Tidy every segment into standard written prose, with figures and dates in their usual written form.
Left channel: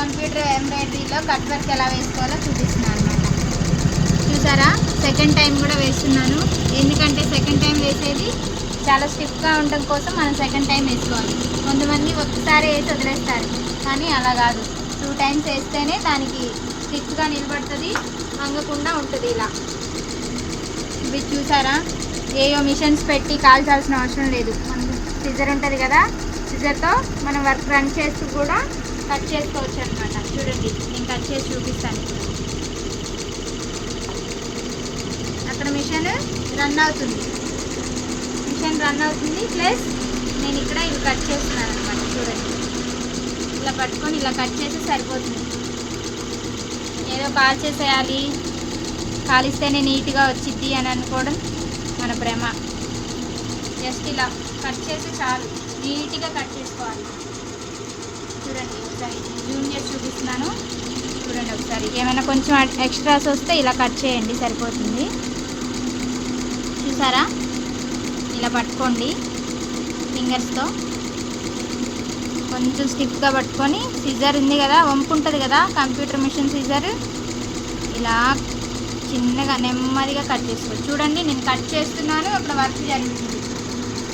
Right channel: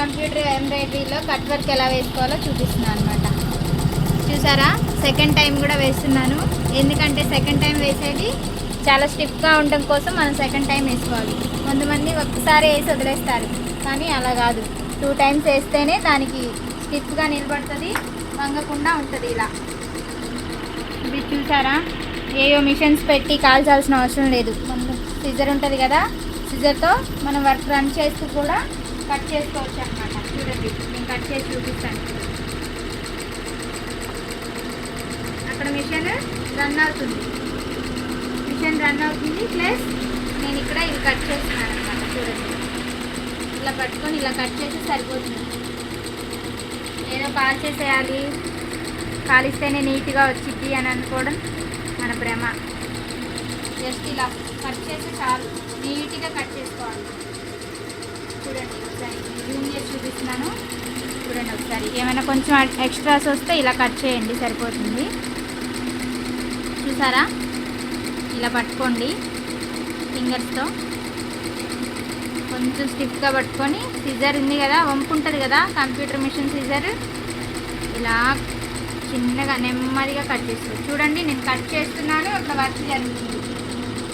Computer ఎంబ్రాయిడరీలో cut work ఎలా వేసుకోవాలో చూపిస్తున్నాను అనమాట. చూసారా, సెకండ్ టైం కూడా వేస్తున్నాను. ఎందుకంటే సెకండ్ టైం వేసేది చాలా స్టిఫ్గా ఉండడం కోసం మనం సెకండ్ టైం వేసుకోవాలి. కొంతమంది ఒక్కసారి వేసి వదిలేస్తారు, కానీ అలా కాదు. 2 టైమ్స్ వేస్తేనే దానికి స్టిఫ్గా నిలబడుతుంది, వంగకుండా ఉంటుంది. ఇలా ఇది చూసారా, ఏవో మిషన్స్ పెట్టి కాల్చాల్సిన అవసరం లేదు. మనం సిజర్ ఉంటుంది కదా, సిజర్తో మనం వర్క్ రన్ చేస్తూ కూడా కట్ చేసుకోవచ్చు అనమాట. చూడండి, నేను కట్ చేసి చూపిస్తాను. అక్కడ మిషన్ రన్ అవుతుంది, ప్లస్ నేను ఇక్కడ ఇవి కట్ చేస్తున్నాను అనమాట. చూడండి, ఇలా పట్టుకొని ఇలా కట్ చేస్తే సరిపోతుంది. ఏదో కాల్చేసేయాలి, కాలిస్తేనే నీట్గా వచ్చిద్ది అని అనుకోవడం మన భ్రమ. జస్ట్ ఇలా కట్ చేస్తే చాలు, నీట్గా కట్ చేసుకోవాలి మనం. చూడండి, ఒకసారి జూమ్ చేసి చూపిస్తున్నాను. చూడండి ఒకసారి, ఏమైనా కొంచెం ఎక్స్ట్రాస్ వస్తే ఇలా కట్ చేయండి, సరిపోతుంది. చూసారా, ఇలా పట్టుకోండి ఫింగర్స్తో, కొంచెం స్టిఫ్గా పట్టుకొని, సిజర్ ఉంది కదా, వంపు ఉంటుంది కదా కంప్యూటర్ మిషన్ సిజర్, ఇలా చిన్నగా నెమ్మదిగా కట్ చేసుకోవచ్చు. చూడండి, నేను కట్ చేస్తున్నాను, అక్కడ వర్క్ జరుగుతుంది.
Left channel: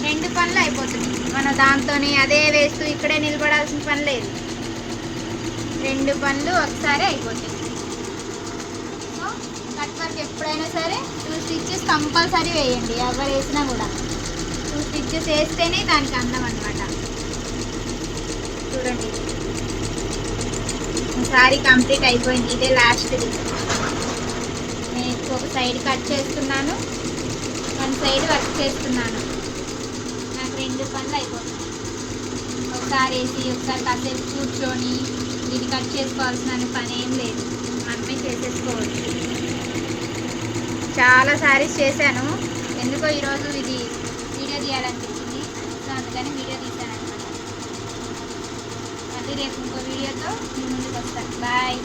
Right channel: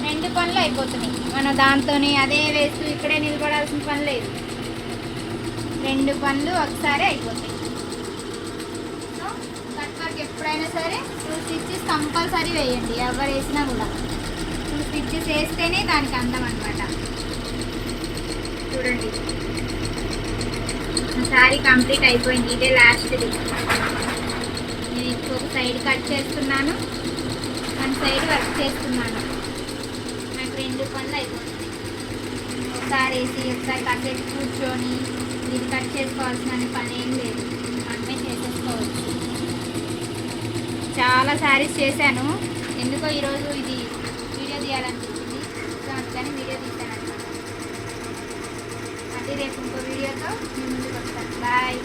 2 పనులు అయిపోతున్నాయి. మనం దాంతోనే అదే వేస్తూ ఇక్కడే నిలబడాల్సిన పని లేదు. 2 పనులు ఒకసారి అయిపోతాయి. సో కట్ వర్క్ ఎప్పుడైనా సరే 2 స్టిచ్చెస్ కంపల్సరీ వేయండి. ఎవరు వేసినా కూడా 2 స్టిచ్చెస్ వేస్తేనే దానికి అందం అనమాట. చూడండి, సారీ కంప్లీట్ అయిపోయింది. ఇదే లాస్ట్ది. నేను ఇంకొక సైడ్ కట్ చేస్తున్నాను, 1 సైడ్ వర్క్ చేస్తున్నాను. నాకు 2 పనులు అయిపోతుంది. ఒకసారి వేసి ఒకసారి కాసేపు కూర్చొని ఇది కట్ చేసుకోవాల్సిన పని ఏం లేదు, మనమే చేసేసుకోవచ్చు. చాలా శారీస్ చేశాను, ఎందుకో ఈరోజు ఇది వీడియో తీయాలనిపించింది. సో అందుకని వీడియో తీశాను అనమాట. మళ్ళీ రేపు ఇంకో వీడియోతో మీ ముందుకు వస్తాను. బాయ్.